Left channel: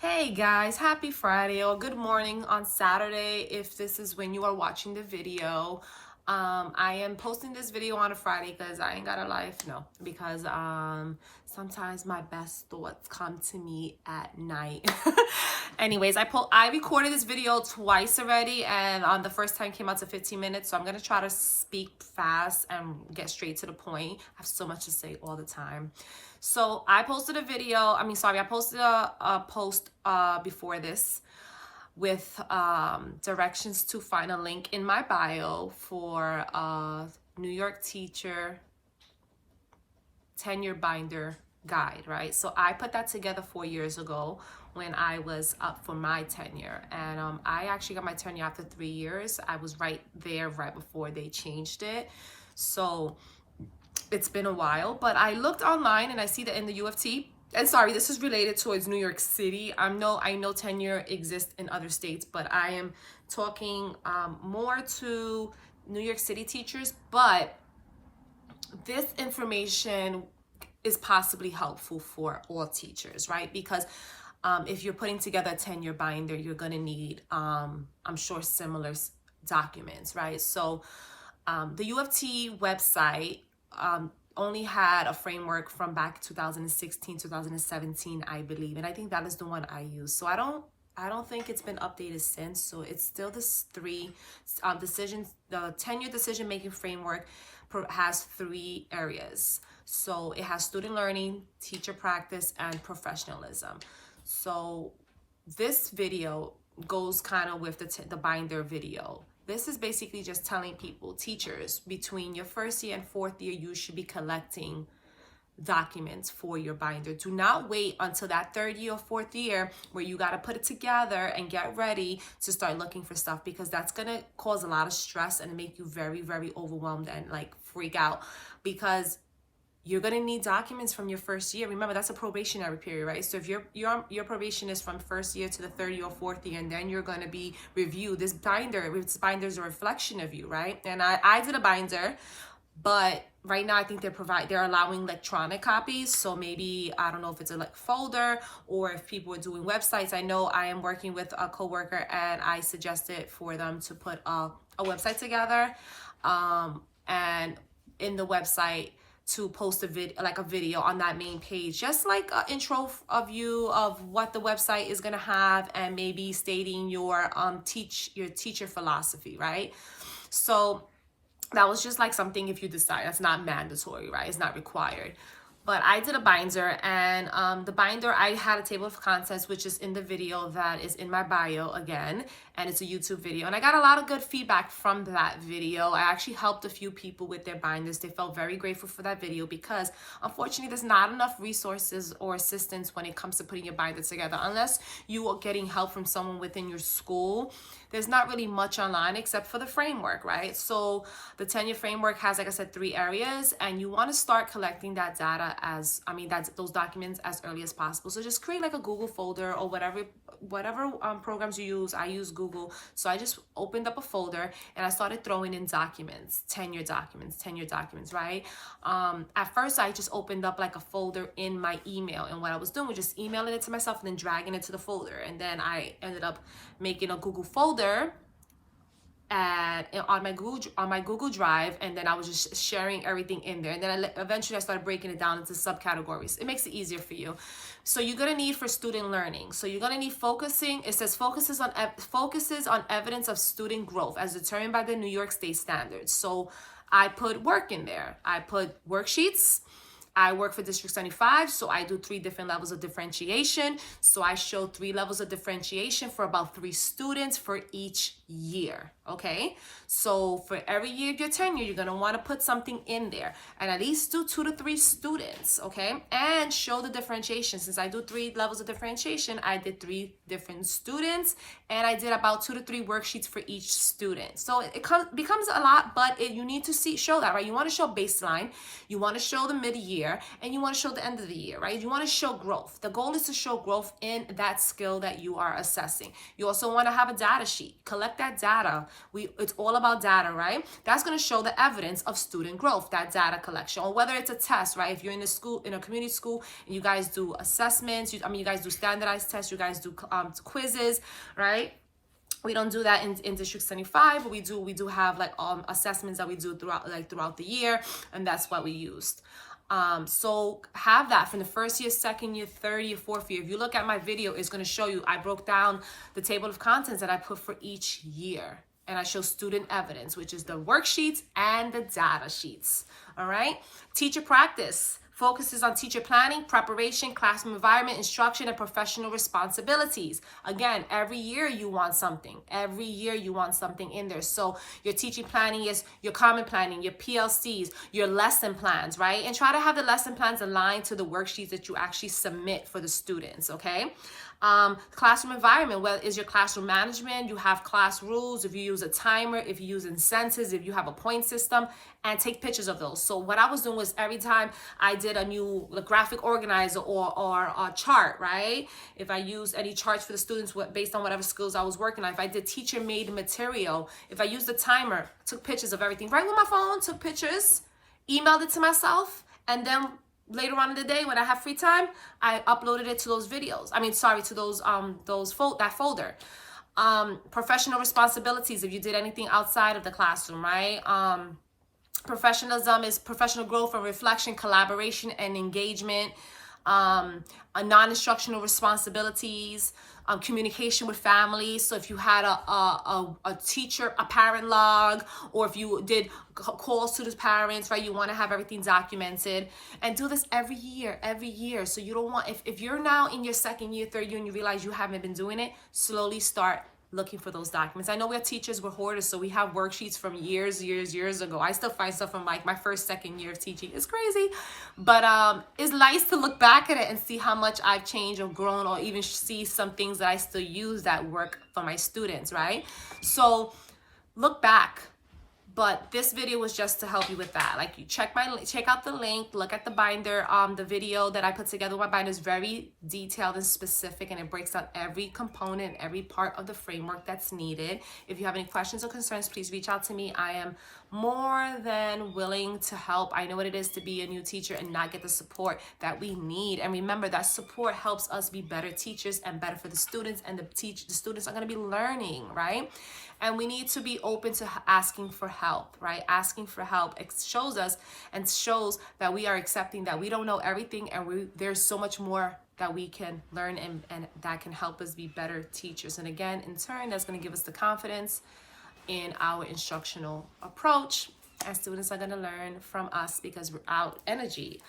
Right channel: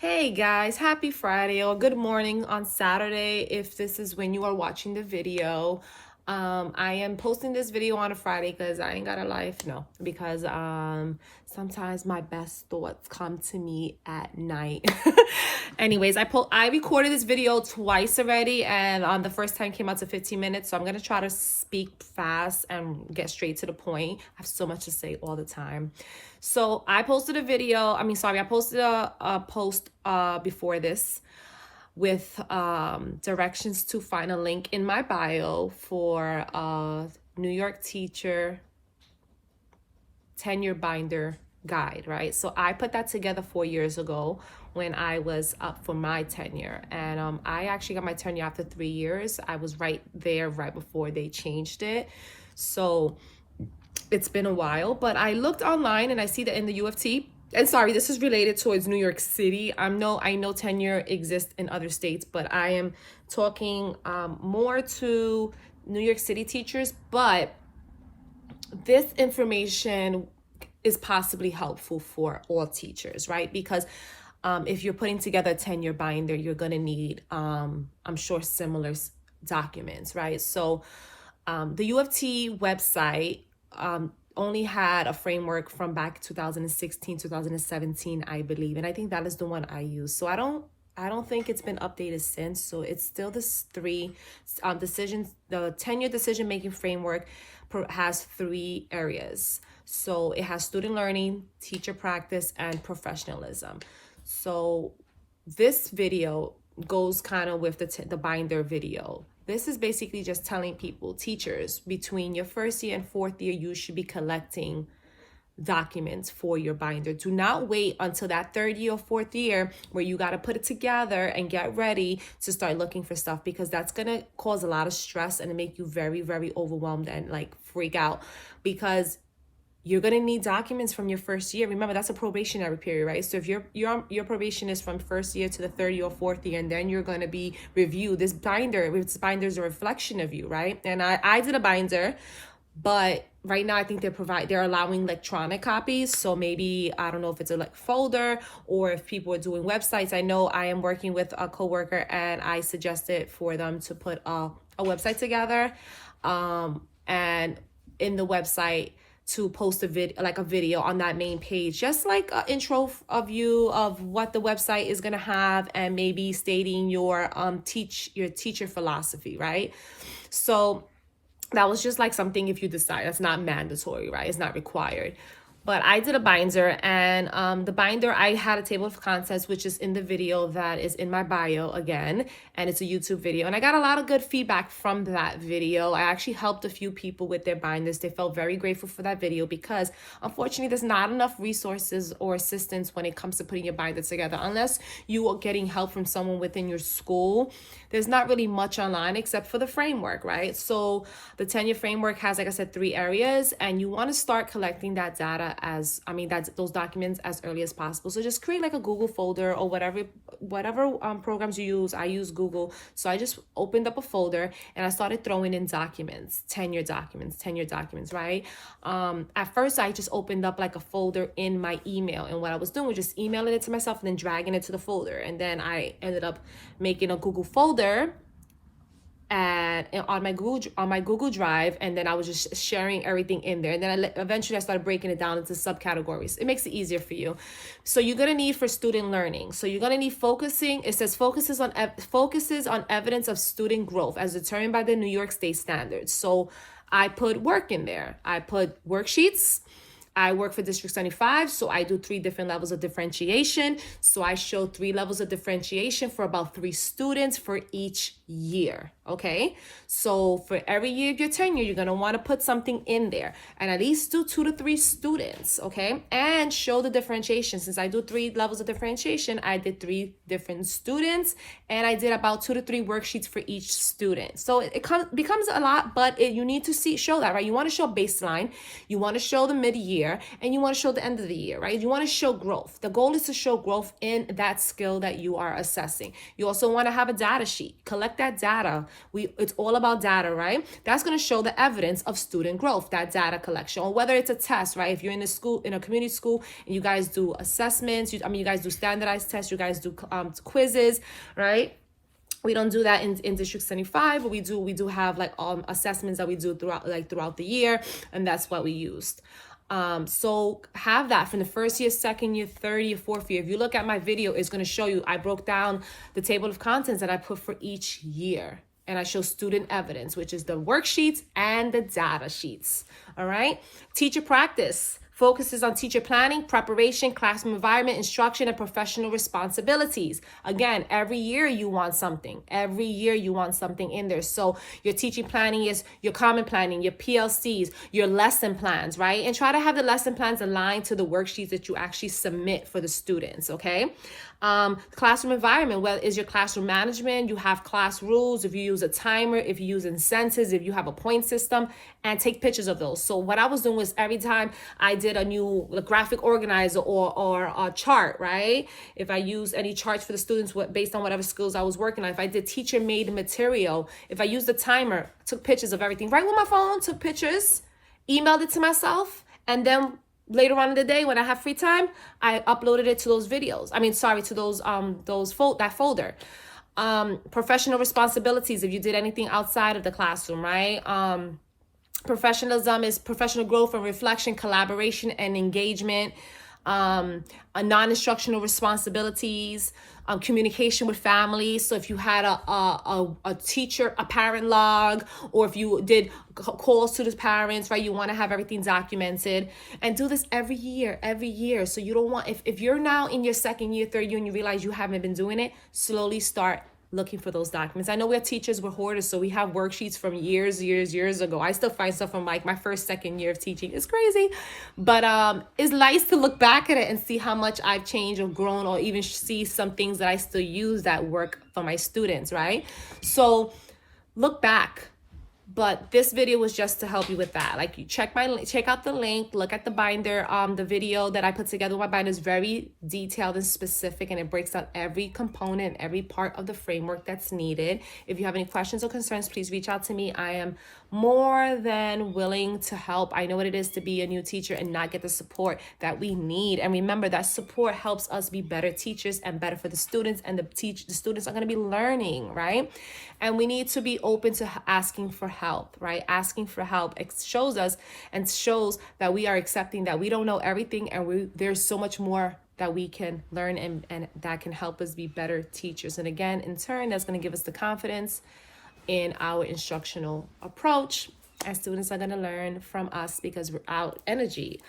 Hey guys, happy Friday or good morning on Saturday if this is when you are watching the video. I am posting this video on a Friday because I ain't got a life. No, because sometimes my best thoughts come to me at night. Anyways, I recorded this video twice already, and on the first time came out to 15 minutes. So I'm gonna try to speak fast and get straight to the point. I have so much to say all the time. So I posted a video. I posted a post before this with directions to find a link in my bio for a New York teacher tenure binder guide, right? So I put that together 4 years ago when I was up for my tenure, and I actually got my tenure after 3 years. I was right there right before they changed it. So it's been a while, but I looked online and I see that in the U of T, and sorry, this is related towards New York City. I know tenure exists in other states, but I am talking more to New York City teachers. But this information is possibly helpful for all teachers, right? Because if you're putting together a tenure binder, you're gonna need, I'm sure, similar documents, right? So the U of T website only had a framework from back 2016, 2017, I believe. And I think that is the one I use. So I don't think it's been updated since. So it's still this three decisions. The tenure decision making framework has 3 areas. So it has student learning, teacher practice, and professionalism. So this video goes kind of with the binder video. This is basically just telling people, teachers, between your first year and 4th year, you should be collecting documents for your binder. Do not wait until that 3rd year or 4th year where you got to put it together and get ready to start looking for stuff, because that's going to cause a lot of stress and make you very, very overwhelmed and like freak out, because you're going to need documents from your first year. Remember, that's a probationary period, right? So if your probation is from first year to the 3rd year or 4th year, and then you're going to be reviewed. This binder is a reflection of you, right? And I did a binder, but right now I think they're allowing electronic copies. So maybe, I don't know if it's a like folder or if people are doing websites. I know I am working with a coworker and I suggested for them to put a website together, and in the website to post a video on that main page, just like an intro of you of what the website is going to have, and maybe stating your teacher philosophy, right? So that was just like something, if you decide, that's not mandatory, right? It's not required. But I did a binder, and the binder, I had a table of contents, which is in the video that is in my bio again, and it's a YouTube video. And I got a lot of good feedback from that video. I actually helped a few people with their binders. They felt very grateful for that video, because unfortunately there's not enough resources or assistance when it comes to putting your binder together. Unless you are getting help from someone within your school, there's not really much online except for the framework, right? So the tenure framework has, like I said, 3 areas, and you want to start collecting that data those documents as early as possible. So just create like a Google folder or whatever programs you use. I use Google. So I just opened up a folder and I started throwing in documents, tenure documents, right? At first I just opened up like a folder in my email, and what I was doing was just emailing it to myself and then dragging it to the folder. And then I ended up making a Google folder and on my Google Drive, and then I was just sharing everything in there. And then eventually I started breaking it down into subcategories. It makes it easier for you. So you're gonna need for student learning. So you're gonna need focusing. It says focuses on evidence of student growth as determined by the New York State standards. So I put work in there. I put worksheets. I work for District 75, so I do 3 different levels of differentiation. So I show 3 levels of differentiation for about 3 students for each year, okay? So for every year of your tenure, you're gonna wanna put something in there and at least do 2 to 3 students, okay? And show the differentiation. Since I do 3 levels of differentiation, I did 3 different students, and I did about 2 to 3 worksheets for each student. So it becomes a lot, but you need to show that, right? You wanna show baseline, you wanna show the mid-year, and you want to show the end of the year, right? You want to show growth. The goal is to show growth in that skill that you are assessing. You also want to have a data sheet. Collect that data It's all about data, right? That's going to show the evidence of student growth, that data collection, or whether it's a test, right? If you're in a school, in a community school, and you guys do assessments, you guys do standardized tests, you guys do quizzes, right? We don't do that in District 75, but we do have like assessments that we do throughout the year, and that's what we used. So have that from the first year, second year, third year, fourth year. If you look at my video, it's going to show you, I broke down the table of contents that I put for each year. And I show student evidence, which is the worksheets and the data sheets. All right. Teacher practice focuses on teacher planning, preparation, classroom environment, instruction, and professional responsibilities. Again, every year you want something. Every year you want something in there. So your teaching planning is your common planning, your PLCs, your lesson plans, right? And try to have the lesson plans aligned to the worksheets that you actually submit for the students, okay? Classroom environment, well, is your classroom management. You have class rules, if you use a timer, if you use incentives, if you have a point system, and take pictures of those. So what I was doing was every time I did a new graphic organizer or a chart, right? If I use any charts for the students based on whatever skills I was working on, if I did teacher made material, if I used the timer, took pictures of everything right with my phone, took pictures, emailed it to myself, and then later on in the day when I have free time, I uploaded it to those videos. To that folder. Professional responsibilities, if you did anything outside of the classroom, right? Professionalism is professional growth and reflection, collaboration and engagement. Non-instructional responsibilities, communication with families. So if you had a teacher, a parent log, or if you did calls to the parents, right, you want to have everything documented, and do this every year. So you don't want, if you're now in your second year, third year, and you realize you haven't been doing it, slowly start looking for those documents. I know we're teachers, we're hoarders, so we have worksheets from years ago. I still find stuff from like my first, second year of teaching. It's crazy, but it's nice to look back at it and see how much I've changed or grown, or even see some things that I still use that work for my students, right? So look back. But this video was just to help you with that. Like, you check out the link, look at the binder. The video that I put together with my binder is very detailed and specific, and it breaks down every component, every part of the framework that's needed. If you have any questions or concerns, please reach out to me. I am more than willing to help. I know what it is to be a new teacher and not get the support that we need. And remember, that support helps us be better teachers and better for the students, and the students are going to be learning, right? And we need to be open to asking for help, right? Asking for help shows us and shows that we are accepting that we don't know everything, and there's so much more that we can learn, and that can help us be better teachers. And again, in turn, that's going to give us the confidence in our instructional approach, and students are going to learn from us because our energy,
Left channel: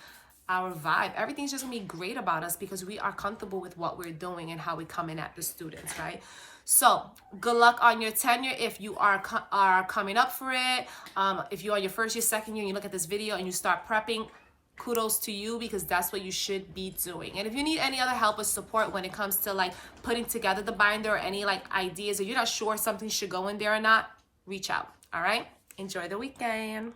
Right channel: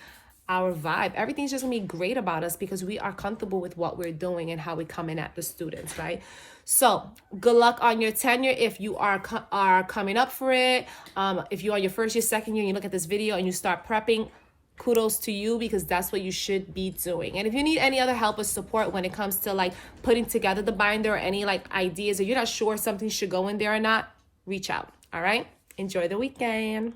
our vibe, everything's just gonna be great about us because we are comfortable with what we're doing and how we come in at the students, right? So good luck on your tenure if you are coming up for it. If you're on your first year, second year, and you look at this video and you start prepping, kudos to you, because that's what you should be doing. And if you need any other help or support when it comes to like putting together the binder, or any like ideas, or you're not sure something should go in there or not, reach out. All right, enjoy the weekend.